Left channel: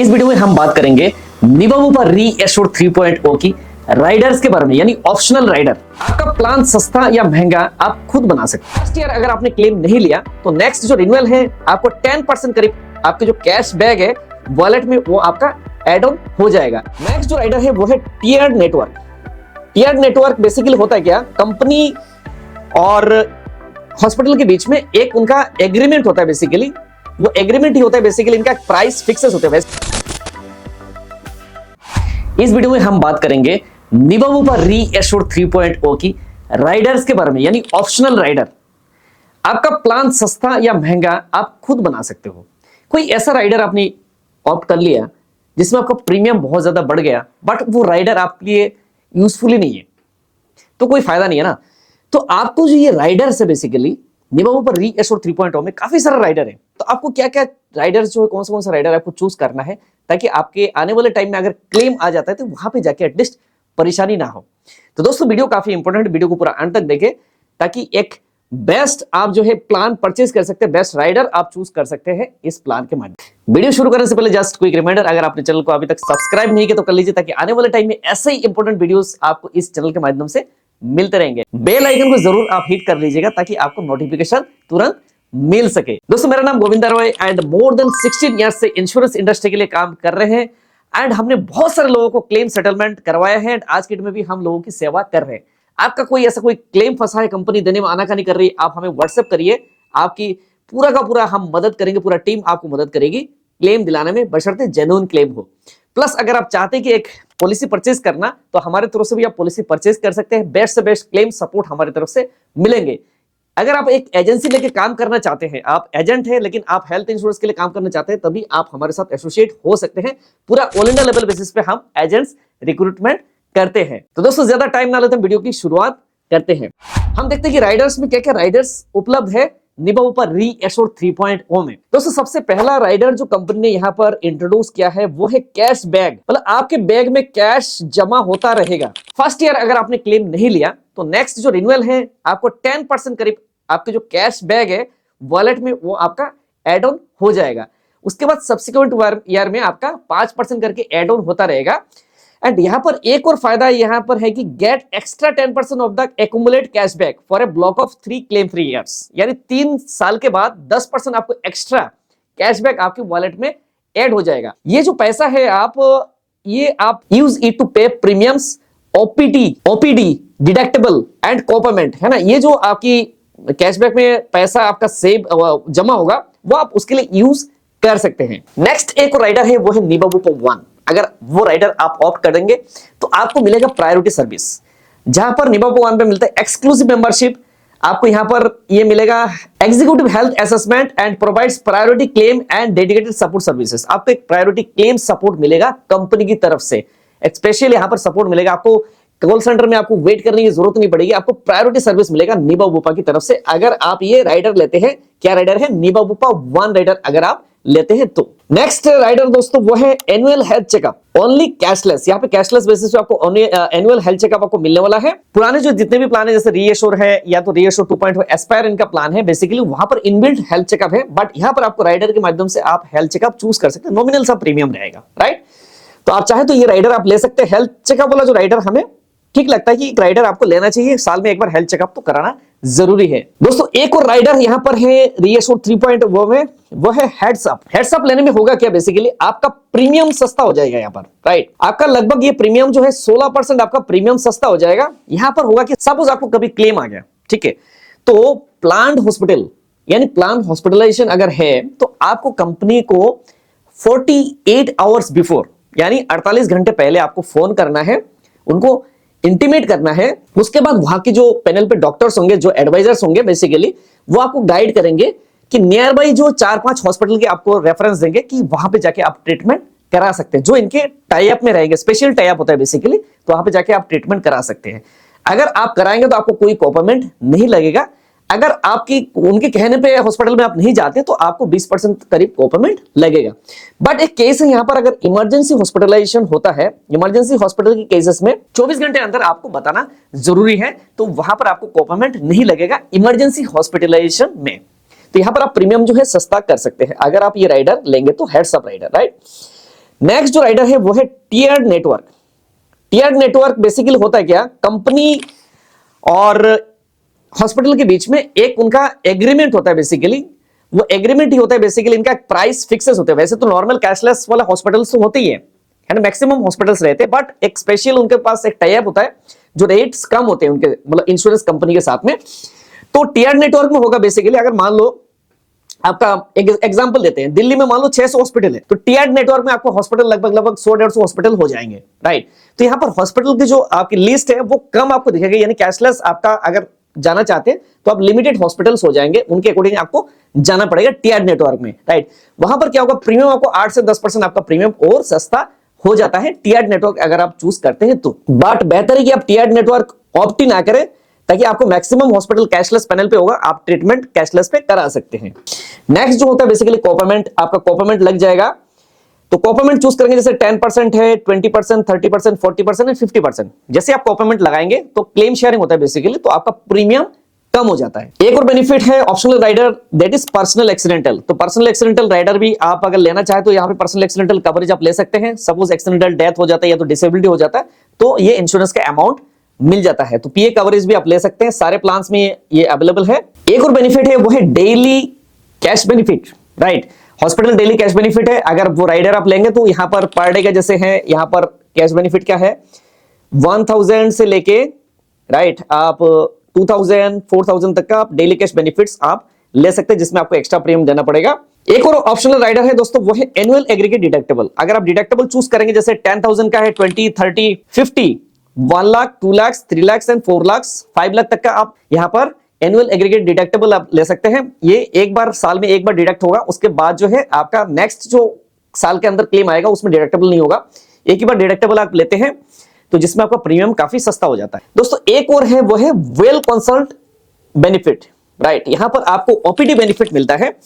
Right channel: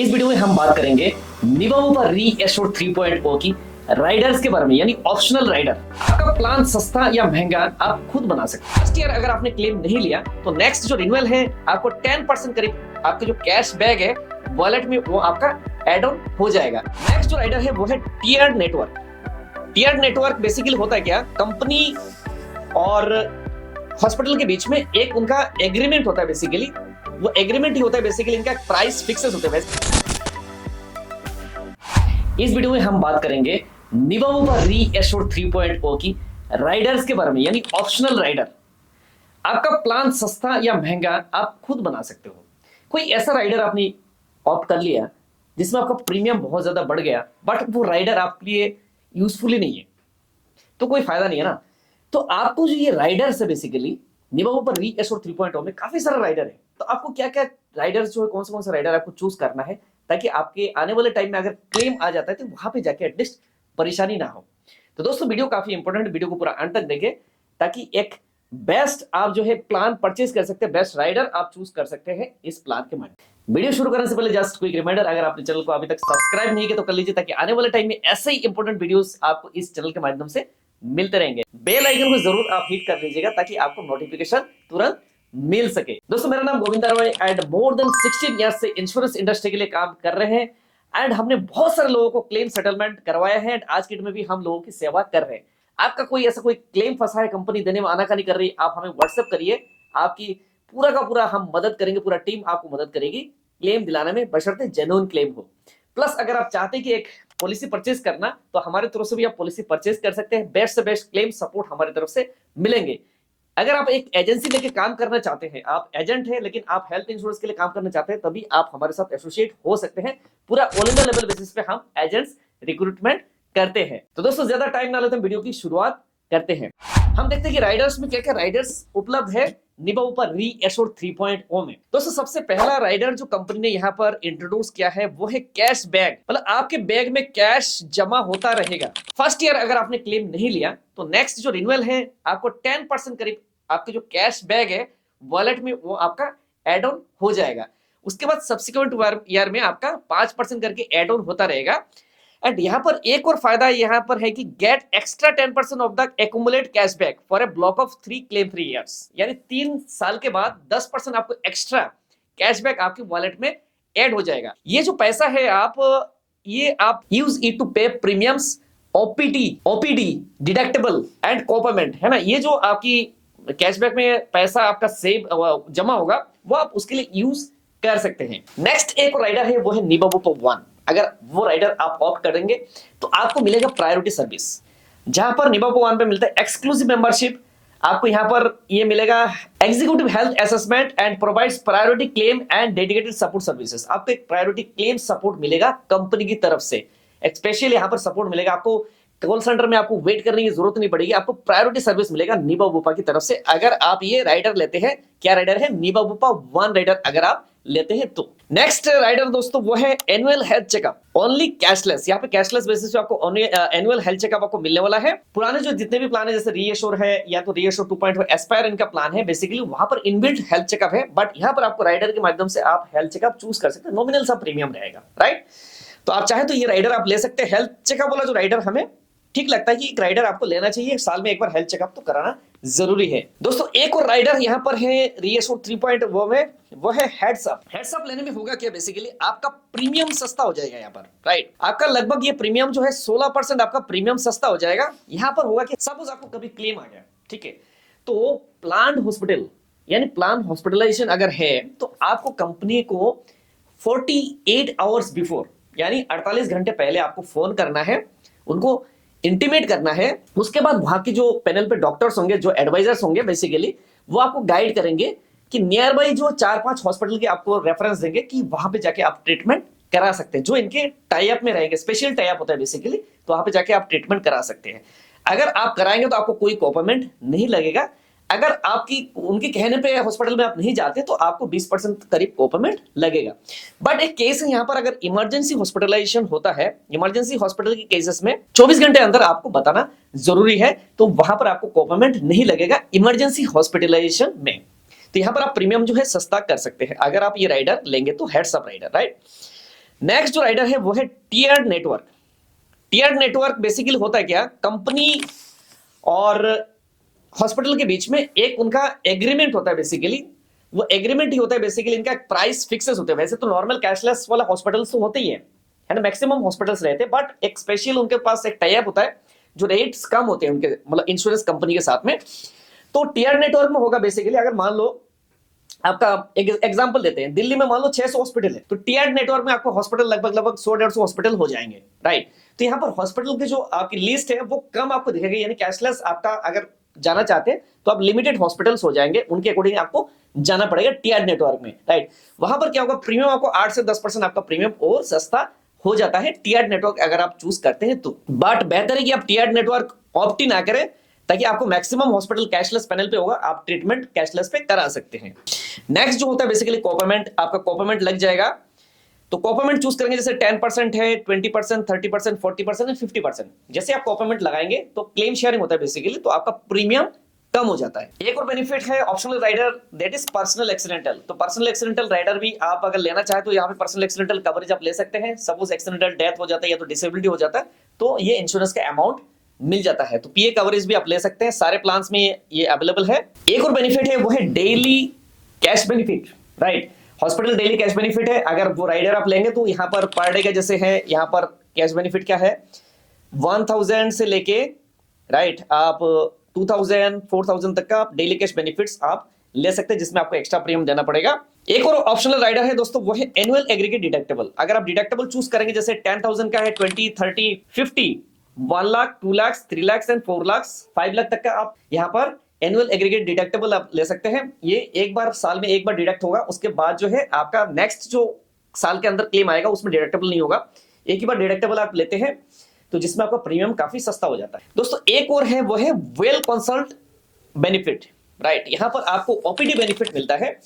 इस वीडियो में हम बात करेंगे निबाबूपा रीएश्योर 3.0 की राइडर्स के बारे में, यानी ऑप्शनल राइडर। आपका प्लान सस्ता या महंगा आप खुद बना सकते हैं। नेक्स्ट ईयर अगर आपने क्लेम नहीं लिया तो नेक्स्ट जो रिन्यूअल है आपको 10% करीब आपके जो कैश बैग है वॉलेट में वो आपका एड ऑन हो जाएगा। नेक्स्ट जो राइडर है वो है tiered network. Tiered network basically होता है क्या, कंपनी और हॉस्पिटल के बीच में एक उनका एग्रीमेंट होता है। बेसिकली वो एग्रीमेंट ही होता है, बेसिकली इनका प्राइस फिक्सेस होते हैं। इस वीडियो में हम बात करेंगे निबाबूपा रीएश्योर 3.0 की राइडर्स के बारे में, यानी ऑप्शनल राइडर। आपका प्लान सस्ता या महंगा आप खुद बना सकते हो। कोई ऐसा राइडर आपने ऑप्ट कर लिया जिसमें आपका प्रीमियम बहुत ज्यादा बढ़ गया, बट वो राइडर आपके लिए यूजफुल ही नहीं है, तो कोई फायदा नहीं है ना। तो आपको जो ये राइडर्स है, बेसिकली निबाबूपा रीएश्योर 3.0 में काफी सारे राइडर है। तो आपको क्या क्या राइडर्स जो है, कौन सा राइडर आपको चूज करना है, ताकि आपके आने वाले टाइम में अगर क्लेम आ जाता है तो वहां पे जाके एटलीस्ट परेशानी ना हो। तो दोस्तों वीडियो काफी इंपॉर्टेंट, वीडियो को पूरा अंत तक देखें ताकि एक बेस्ट आप जो है प्लान परचेज कर सकते हैं, बेस्ट राइडर आप चूज कर सकते हैं इस प्लान के माध्यम। वीडियो शुरू करने से पहले जस्ट क्विक रिमाइंडर, अगर आपने चैनल को अभी तक सब्सक्राइब नहीं किया तो कर लीजिए, ताकि आने वाले टाइम में ऐसे ही इंपॉर्टेंट वीडियोस आपको इस चैनल के माध्यम से मिलते रहेंगे। बेल आइकन को जरूर आप हिट कर लीजिएगा ताकि आपको नोटिफिकेशन तुरंत मिल सके। दोस्तों मेरा नाम Govinda Roy and more than 16 years से इंश्योरेंस इंडस्ट्री के लिए काम कर रहे हैं एंड हमने बहुत सारे लोगों को क्लेम सेटलमेंट करवाया है एंड आज की डेट में भी हम लोगों की सेवा कर रहे हैं। आपका कोई ऐसा कोई क्लेम फंसा है, कंपनी देने में आनाकानी कर रही है, आप हमें व्हाट्सएप करिए, आपकी पूरा का पूरा हम मदद करेंगे, पूरा टीम आपको मदद करेगी क्लेम दिलाने में, बशर्ते जेन्युइन क्लेम हो। प्लस अगर आप चाहते हैं कि एक पॉलिसी परचेज करना तो हमारे तरफ से भी आप पॉलिसी परचेज कर सकते हैं। बेस्ट से बेस्ट क्लेम सपोर्ट हमारी तरफ से मिलेंगे। अगर आप एक एजेंसी लेके काम करना चाहते हैं, आप एजेंट हैं लेकिन आप हेल्थ इंश्योरेंस के लिए काम करना चाहते हैं, तभी आप हमारे साथ एसोसिएट हो सकते हैं। पूरा ऑल इंडिया लेवल बेसिस पे हम एजेंट्स रिक्रूटमेंट करते हैं। तो दोस्तों ज्यादा टाइम ना लेते हैं, वीडियो की शुरुआत करते हैं। हम देखते हैं कि राइडर्स में क्या क्या राइडर्स उपलब्ध है निबाबूपा रीएश्योर 3.0 में। दोस्तों सबसे पहला राइडर जो कंपनी ने यहाँ पर इंट्रोड्यूस किया है वो है कैश बैग। मतलब आपके बैग में कैश जमा होता रहेगा। फर्स्ट ईयर अगर आपने क्लेम नहीं लिया तो नेक्स्ट जो रिन्यूअल है आपको 10% करीब आपके जो कैश बैग है वॉलेट में वो आपका एड ऑन हो जाएगा। उसके बाद सब्सिक्वेंट ईयर में आपका 5% करके एड ऑन होता रहेगा। एंड यहाँ पर एक और फायदा यहाँ पर है कि get extra 10% of the accumulate cashback for a block of 3 claim 3 years, यानी 3 साल के बाद 10% आपको एक्स्ट्रा कैशबैक आपके वॉलेट में ऐड हो जाएगा। ये जो पैसा है आप यूज इट टू पे प्रीमियम्स, ओपीडी डिडक्टेबल एंड कोपेमेंट, है ना। ये जो आपकी कैशबैक में पैसा आपका सेव जमा होगा वो आप उसके लिए यूज कर सकते हैं। नेक्स्ट एक राइडर है वो है निबाबूपा वन। अगर वो राइडर आप ऑप्ट करेंगे तो आपको मिलेगा प्रायोरिटी सर्विस, जहां पर निबाबूपा वन पे मिलता है एक्सक्लूसिव मेंबरशिप। आपको यहां पर ये मिलेगा executive health assessment and provides priority claim and dedicated support services. आपको एक प्रायोरिटी क्लेम सपोर्ट मिलेगा कंपनी की तरफ से, स्पेशली यहां पर सपोर्ट मिलेगा। आपको कॉल सेंटर में आपको वेट करने की जरूरत नहीं पड़ेगी, आपको प्रायोरिटी सर्विस मिलेगा निबाबूपा की तरफ से अगर आप ये राइडर लेते हैं। क्या राइडर है? निबाबूपा वन राइडर अगर आप लेते हैं तो। नेक्स्ट राइडर दोस्तों वो है annual health checkup, only cashless. यहाँ पे कैशलेस बेसिस पे आपको एनुअल हेल्थ चेकअप आपको मिलने वाला है। पुराने जो जितने भी प्लान है जैसे रीएश्योर है या तो रीएश्योर 2.0 एस्पायर इनका प्लान है, बेसिकली वहां पर इनबिल्ट हेल्थ चेकअप है, बट यहाँ पर आपको राइडर के माध्यम से आप हेल्थ चेकअप चूज कर सकते हैं। नॉमिनल सा प्रीमियम रहेगा, राइट। तो आप चाहे तो ये राइडर आप ले सकते हैं। हेल्थ चेकअप वाला जो राइडर हमें ठीक लगता है कि एक राइडर आपको लेना चाहिए, साल में एक बार हेल्थ चेकअप तो कराना जरूरी है। दोस्तों एक और राइडर यहां पर है रीएश्योर 3.0 में, वो है हेड्स अप। हेड्स अप लेने में होगा क्या, बेसिकली आपका प्रीमियम सस्ता हो जाएगा यहाँ पर, राइट। आपका लगभग ये प्रीमियम जो है 16% आपका प्रीमियम सस्ता हो जाएगा। यहां पर होगा कि सपोज आपको कभी क्लेम आ गया, ठीक है, तो प्लान्ड हॉस्पिटल यानी प्लान हॉस्पिटलाइजेशन अगर है तो आपको कंपनी को 48 आवर्स बिफोर यानी 48 घंटे पहले आपको फोन करना है, उनको इंटीमेट करना है। उसके बाद वहां के जो पैनल पे डॉक्टर्स होंगे, जो एडवाइजर्स होंगे, बेसिकली वो आपको गाइड करेंगे कि नियर बाई जो 4-5 हॉस्पिटल के आपको रेफरेंस देंगे कि वहां पे जाके आप ट्रीटमेंट करा सकते हैं, जो इनके टाई अप में रहेंगे। स्पेशल टाई अप होता है बेसिकली, तो वहां पे जाके आप ट्रीटमेंट करा सकते हैं। अगर आप कराएंगे तो आपको कोई कोपेमेंट नहीं लगेगा। अगर आपकी उनके कहने पे हॉस्पिटल में आप नहीं जाते तो आपको 20% करीब कोपेमेंट लगेगा। बट एक केस है यहां पर, अगर इमरजेंसी हॉस्पिटलाइजेशन होता है, इमरजेंसी हॉस्पिटल के केसेस में 24 घंटे अंदर आपको बताना जरूरी है, तो वहां पर आपको कोपेमेंट नहीं लगेगा इमरजेंसी हॉस्पिटलाइजेशन में। तो यहां पर आप प्रीमियम जो है सस्ता कर सकते हैं अगर आप ये राइडर लेंगे तो, heads up rider, right. Next जो राइडर है वो है tiered network. Tiered network basically होता है क्या, कंपनी और हॉस्पिटल के बीच में एक उनका एग्रीमेंट होता है। बेसिकली वो एग्रीमेंट ही होता है, बेसिकली इनका प्राइस फिक्सेस होते हैं। वैसे तो नॉर्मल कैशलेस वाला हॉस्पिटल्स तो होते ही है ना, मैक्सिमम हॉस्पिटल्स रहते हैं, बट एक स्पेशल उनके पास एक टाई अप होता है जो रेट्स कम होते हैं उनके, मतलब इंश्योरेंस कंपनी के साथ में। तो टीयर नेटवर्क में होगा बेसिकली, अगर मान लो आपका एक एग्जांपल देते हैं, दिल्ली में मान लो 600 हॉस्पिटल है, तो टीयर नेटवर्क में आपको हॉस्पिटल लगभग 100-150 हॉस्पिटल हो जाएंगे, राइट। तो यहाँ पर हॉस्पिटल की जो आपकी लिस्ट है वो कम आपको दिखेगी, यानी कैशलेस आपका अगर जाना चाहते हैं तो आप लिमिटेड हॉस्पिटल्स हो जाएंगे, उनके अकॉर्डिंग आपको जाना पड़ेगा टीयर नेटवर्क में, राइट। वहां पर क्या होगा, प्रीमियम आपको 8 से 10% आपका प्रीमियम और सस्ता हो जाता है टीयर नेटवर्क अगर आप चूज करते हैं तो। बट बेहतर है कि आप टीयर नेटवर्क ऑप्ट ना करें, ताकि आपको मैक्सिमम हॉस्पिटल कैशलेस पैनल पे होगा, आप ट्रीटमेंट कैशलेस पे करा सकते हैं। नेक्स्ट जो होता है बेसिकली कोपेमेंट, आपका कोपेमेंट लग जाएगा। तो कोपेमेंट चूज करेंगे, जैसे 10% है, 20%, 30%, 40% एंड 50%। जैसे आप कोपेमेंट लगाएंगे तो क्लेम शेयरिंग होता है बेसिकली, तो आपका प्रीमियम कम हो जाता है। एक और बेनिफिट है optional rider, that is personal accidental. तो पर्सनल एक्सीडेंटल राइडर भी आप अगर लेना चाहे तो यहाँ पे पर्सनल एक्सीडेंटल कवरेज आप ले सकते हैं। सपोज एक्सीडेंटल डेथ हो जाता है या तो डिसेबिलिटी हो जाता है, तो ये इंश्योरेंस का अमाउंट मिल जाता है। तो पीए कवरेज भी आप ले सकते हैं, सारे प्लान्स में ये अवेलेबल है। एक और बेनिफिट है वो है daily cash benefit, right. Hospital daily cash benefit है, अगर वो राइडर आप लेंगे तो यहाँ पर पर डे का जैसे है, यहाँ पर कैश बेनिफिट क्या है 1000 से लेके, राइट, आप 2000, 4000 तक का आप डेली कैश बेनिफिट्स आप ले सकते हैं, जिसमें आपको एक्स्ट्रा प्रीमियम देना पड़ेगा। एक और ऑप्शनल राइडर है दोस्तों, वो है एनुअल एग्रीगेट डिडक्टेबल। अगर आप डिडक्टेबल चूज करेंगे, जैसे 10,000 का है, 20, 30, 50, 1 लाख, 2 लाख, 3 लाख एंड 4 लाख, 5 लाख तक का आप यहाँ पर एनुअल एग्रीगेट डिडक्टेबल आप ले सकते हैं। ये एक बार साल में एक बार डिडक्ट होगा, उसके बाद जो है आपका नेक्स्ट जो साल के अंदर क्लेम आएगा उसमें डिडक्टेबल नहीं होगा। एक ही बार डिडक्टेबल आप लेते हैं तो जिसमें आपका प्रीमियम काफी सस्ता हो जाता है। दोस्तों एक और है वो है वेल कंसल्ट बेनिफिट, राइट। यहां पर आपको ओपीडी बेनिफिट मिलता है,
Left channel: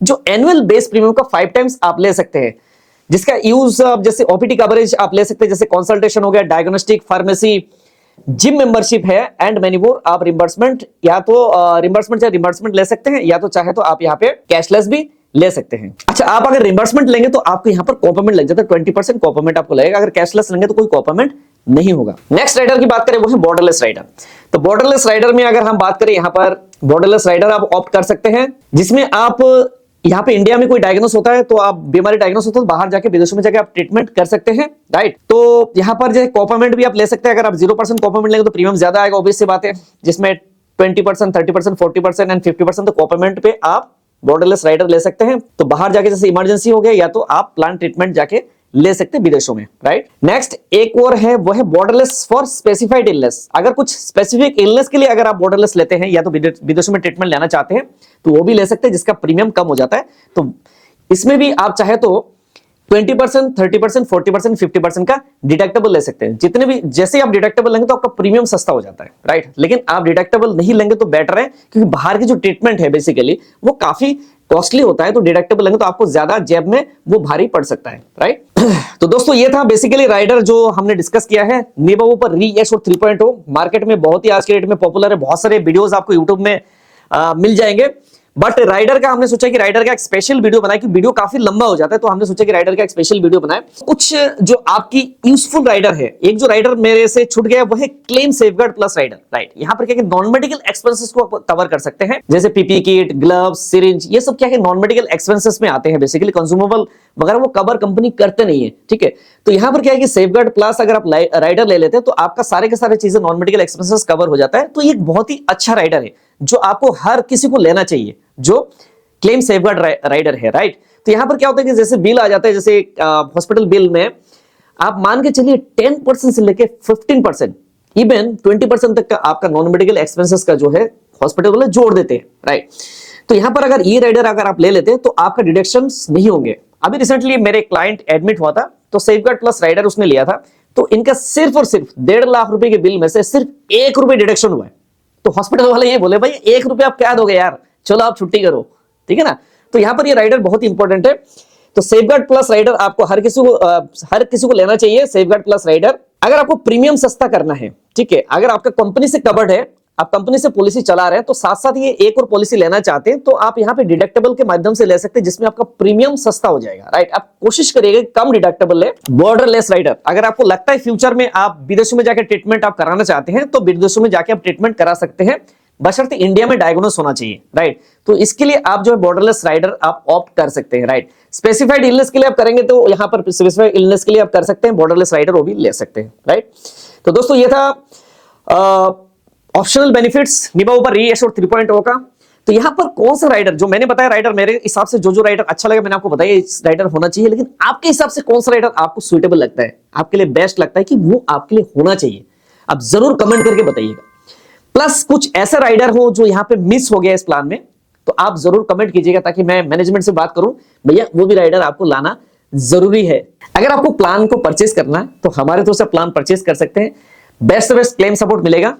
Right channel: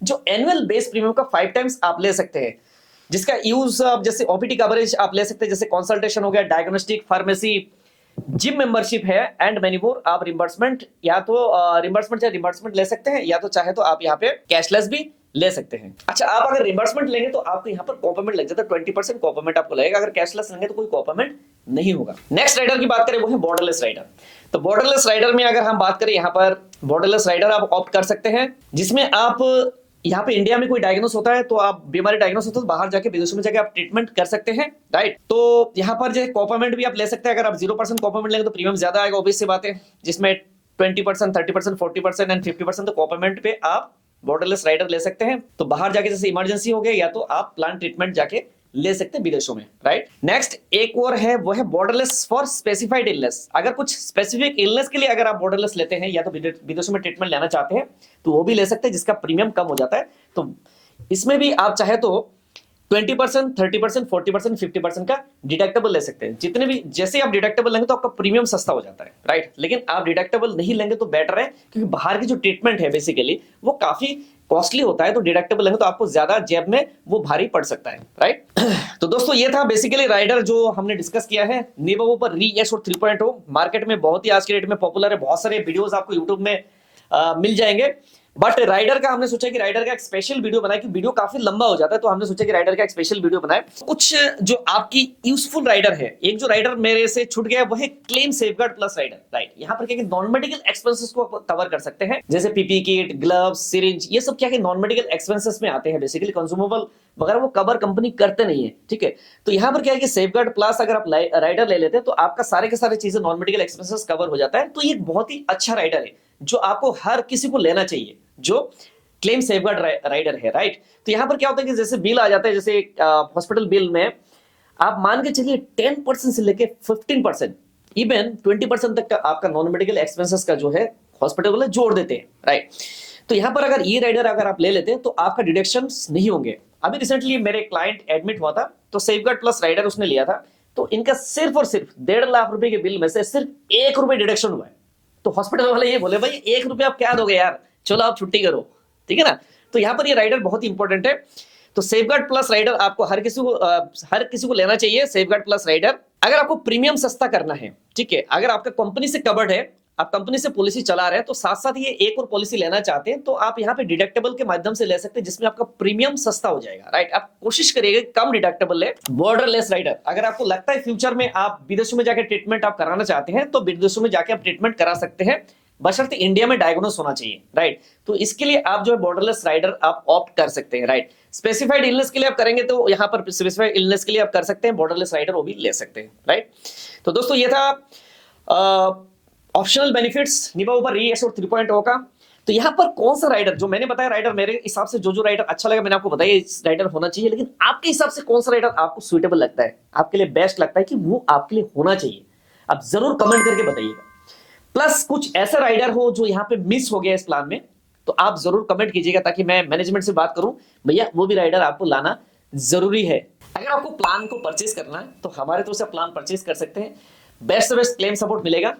जो एनुअल बेस प्रीमियम का 5 टाइम्स आप ले सकते हैं, जिसका यूज जैसे ओपीडी कवरेज आप ले सकते हैं, जैसे कंसल्टेशन हो गया, डायग्नोस्टिक, फार्मेसी, जिम मेंबरशिप है एंड मेनी मोर। आप रिम्बर्समेंट या तो रिम्बर्समेंट ले सकते हैं, या तो चाहे तो आप यहाँ पे कैशलेस भी ले सकते हैं। अच्छा, आप अगर रिम्बर्समेंट लेंगे तो आपको यहाँ पर कोपेमेंट लग जाता है, 20% कोपेमेंट आपको लगेगा। अगर कैशलेस लेंगे तो कोई कोपेमेंट नहीं होगा। नेक्स्ट राइडर की बात करें वो है बॉर्डरलेस राइडर। तो बॉर्डरलेस राइडर में अगर हम बात करें, यहाँ पर बॉर्डरलेस राइडर आप ऑप्ट कर सकते हैं, जिसमें आप यहाँ पे इंडिया में कोई डायग्नोस होता है तो आप बीमारी डायग्नोस होता है तो बाहर जाके विदेशों में जाके आप ट्रीटमेंट कर सकते हैं, राइट। तो यहाँ पर जो है कोपेमेंट भी आप ले सकते हैं। अगर आप 0% कोपेमेंट लेंगे तो प्रीमियम ज्यादा आएगा, ऑब्वियस सी बात है, जिसमें 20%, 30%, 40% एंड 50% तो कोपेमेंट पे आप बॉर्डरलेस राइडर ले सकते हैं। तो बाहर जाके जैसे इमरजेंसी हो गया, या तो आप प्लान ट्रीटमेंट जाके ले सकते हैं विदेशों में, राइट। नेक्स्ट एक और है वो है बॉर्डरलेस फॉर स्पेसिफाइड इलनेस। अगर कुछ स्पेसिफिक इलनेस के लिए अगर आप बॉर्डरलेस लेते हैं या तो विदेशों में ट्रीटमेंट लेना चाहते हैं तो वो भी ले सकते हैं, जिसका प्रीमियम कम हो जाता है। तो इसमें भी आप चाहे तो 20%, 30%, 40%, 50% का डिडक्टेबल ले सकते हैं। जितने भी जैसे आप डिडक्टेबल लेंगे तो आपका प्रीमियम सस्ता हो जाता है, राइट। लेकिन आप डिडक्टेबल नहीं लेंगे तो बेटर है, क्योंकि बाहर की जो ट्रीटमेंट है बेसिकली वो काफी कॉस्टली होता है। तो डिडक्टेबल लेंगे तो आपको ज्यादा जेब में वो भारी पड़ सकता है, राइट। तो दोस्तों ये था बेसिकली राइडर जो हमने डिस्कस किया है, निबवो पर री-एश्योर 3.0। मार्केट में बहुत ही आज के डेट में पॉपुलर है, बहुत सारे वीडियोस आपको यूट्यूब में मिल जाएंगे। बट राइडर का हमने सोचा कि राइडर का एक स्पेशल वीडियो बनाए, कि वीडियो काफी लंबा हो जाता है, तो हमने सोचा कि राइडर का एक स्पेशल वीडियो बनाए। कुछ जो आपकी यूजफुल राइडर है, एक जो राइडर मेरे से छूट गया वो है claim safeguard plus rider, right. यहाँ पर क्या नॉन मेडिकल एक्सपेंसेस को कवर कर सकते हैं, जैसे पीपी किट, ग्लव्स, सिरिंज, ये सब क्या है नॉन मेडिकल एक्सपेंसेस में आते हैं। बेसिकली कंज्यूमेबल वगैरह वो कवर कंपनी करते नहीं है, ठीक है। तो यहाँ पर क्या है कि सेफगार्ड प्लस अगर आप राइडर ले लेते हैं तो आपका सारे के सारे चीजें नॉन मेडिकल एक्सपेंसेस कवर हो जाता है। तो ये एक बहुत ही अच्छा राइडर है जो आपको हर किसी को लेना चाहिए, जो क्लेम सेफगार्ड राइडर है, राइट। तो यहां पर क्या होता है कि जैसे बिल आ जाता है, जैसे हॉस्पिटल बिल में आप मान के चलिए 10% से लेके 15%, इवन 20% तक का आपका नॉन मेडिकल एक्सपेंसेस का जो है हॉस्पिटल वाले जोड़ देते हैं, राइट। तो यहां पर अगर ये राइडर अगर आप ले लेते हैं तो आपका डिडक्शंस नहीं होंगे। अभी रिसेंटली मेरे क्लाइंट एडमिट हुआ था, तो सेफगार्ड प्लस राइडर उसने लिया था, तो इनका सिर्फ और सिर्फ 1.5 लाख रुपए के बिल में से सिर्फ 1 रुपए डिडक्शन हुआ है। तो हॉस्पिटल वाले ये बोले, भाई 1 रुपए आप क्या दोगे यार, चलो आप छुट्टी करो, ठीक है ना। तो यहां पर ये राइडर बहुत ही इंपॉर्टेंट है। तो सेफगार्ड प्लस राइडर आपको हर किसी को लेना चाहिए। सेफगार्ड प्लस राइडर, अगर आपको प्रीमियम सस्ता करना है, ठीक है, अगर आपका कंपनी से कवर्ड है, आप कंपनी से पॉलिसी चला रहे हैं तो साथ साथ ये एक और पॉलिसी लेना चाहते हैं तो आप यहाँ पे डिडक्टेबल के माध्यम से ले सकते हैं, जिसमें आपका प्रीमियम सस्ता हो जाएगा। राइट, आप कोशिश करिएगा कम डिडक्टेबल ले। बॉर्डरलेस राइडर, अगर आपको लगता है फ्यूचर में आप विदेशों में जाकर ट्रीटमेंट आप कराना चाहते हैं तो विदेशों में जाके आप ट्रीटमेंट करा सकते हैं, बशर्ते इंडिया में डायग्नोस होना चाहिए। राइट, तो इसके लिए आप जो है बॉर्डरलेस राइडर आप ऑप्ट कर सकते हैं। राइट, स्पेसिफाइड इलनेस के लिए आप करेंगे तो यहां पर स्पेसिफाइड इलनेस के लिए आप कर सकते हैं, बॉर्डरलेस राइडर वो भी ले सकते हैं। राइट, तो दोस्तों ये था ऑप्शनल बेनिफिट्स निबा ऊपर रीएश्योर 3.0 का। तो यहां पर कौन सा राइडर, जो मैंने बताया राइडर, मेरे हिसाब से जो राइडर अच्छा लगा मैंने आपको बताया इस राइडर होना चाहिए, लेकिन आपके हिसाब से कौन सा राइडर आपको सुटेबल लगता है, आपके लिए बेस्ट लगता है कि वो आपके लिए होना चाहिए, आप जरूर कमेंट करके बताइएगा। प्लस कुछ ऐसा राइडर हो जो यहां पे मिस हो गया इस प्लान में तो आप जरूर कमेंट कीजिएगा ताकि मैं मैनेजमेंट से बात करूं, भैया वो भी राइडर आपको लाना जरूरी है। अगर आपको प्लान को परचेज करना है तो हमारे तरफ से प्लान परचेज कर सकते हैं, बेस्ट से बेस्ट क्लेम सपोर्ट मिलेगा।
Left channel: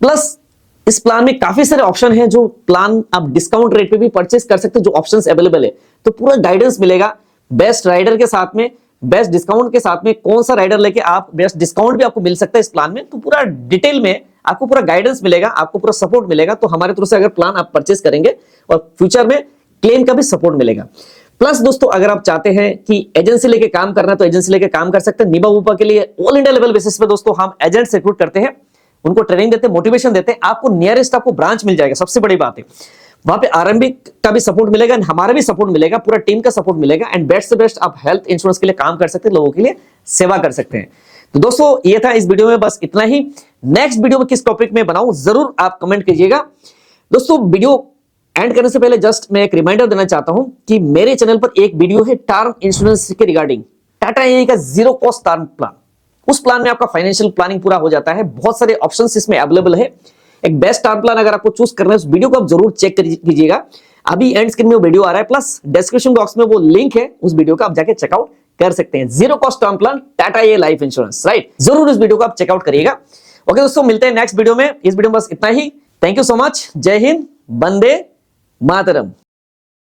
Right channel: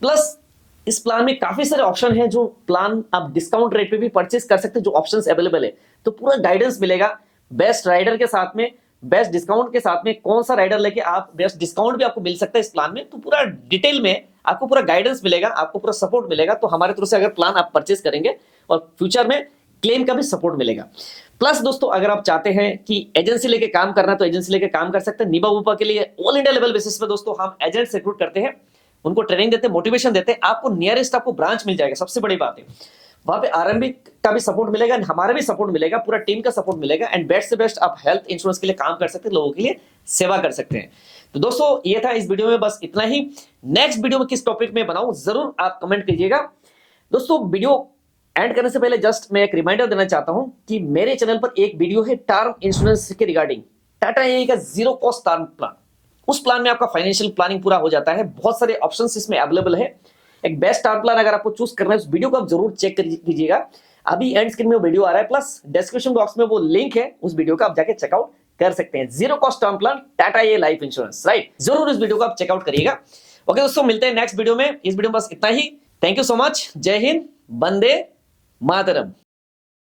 प्लस इस प्लान में काफी सारे ऑप्शन हैं, जो प्लान आप डिस्काउंट रेट पे भी परचेज कर सकते हैं, जो ऑप्शंस अवेलेबल है, तो पूरा गाइडेंस मिलेगा बेस्ट राइडर के साथ में, बेस्ट डिस्काउंट के साथ में, कौन सा राइडर लेके आप बेस्ट डिस्काउंट भी आपको मिल सकता है इस प्लान में, तो पूरा डिटेल में आपको पूरा गाइडेंस मिलेगा, आपको पूरा सपोर्ट मिलेगा। तो हमारे तरफ से अगर प्लान आप परचेज करेंगे और फ्यूचर में क्लेम का भी सपोर्ट मिलेगा। प्लस दोस्तों अगर आप चाहते हैं कि एजेंसी लेके काम करना तो एजेंसी लेके काम कर सकते हैं। निबा ऊपर के लिए ऑल इंडिया लेवल बेसिस पे दोस्तों हम एजेंट्स रिक्रूट करते हैं, उनको ट्रेनिंग देते हैं, मोटिवेशन देते हैं, आपको नियरेस्ट आपको ब्रांच मिल जाएगा, सबसे बड़ी बात है वहां पे आरएमबी का भी सपोर्ट मिलेगा, हमारा भी सपोर्ट मिलेगा, पूरा टीम का सपोर्ट मिलेगा, एंड बेस्ट से बेस्ट आप हेल्थ इंश्योरेंस के लिए काम कर सकते हैं, लोगों के लिए सेवा कर सकते हैं। तो दोस्तों ये था इस वीडियो में, बस इतना ही। नेक्स्ट वीडियो में किस टॉपिक में बनाऊं जरूर आप कमेंट कीजिएगा। दोस्तों वीडियो एंड करने से पहले जस्ट मैं एक रिमाइंडर देना चाहता हूं कि मेरे चैनल पर एक वीडियो है टर्म इंश्योरेंस के रिगार्डिंग, टाटा एआई का जीरो कॉस्ट टर्म प्लान। उस प्लान में आपका फाइनेंशियल प्लानिंग पूरा हो जाता है, बहुत सारे ऑप्शंस इसमें अवेलेबल है। एक बेस्ट टर्म प्लान अगर आपको चूज करना है उस वीडियो को आप जरूर चेक कीजिएगा, अभी एंड स्क्रीन में वो वीडियो आ रहा है, प्लस डिस्क्रिप्शन बॉक्स में वो लिंक है, उस वीडियो का आप जाके चेकआउट कर सकते हैं। Zero cost term plan Tata AI life insurance. Right, जरूर इस वीडियो को आप चेकआउट करिएगा। ओके दोस्तों, मिलते हैं नेक्स्ट वीडियो में। इस वीडियो में बस इतना ही। Thank you so much. जय हिंद, वंदे मातरम।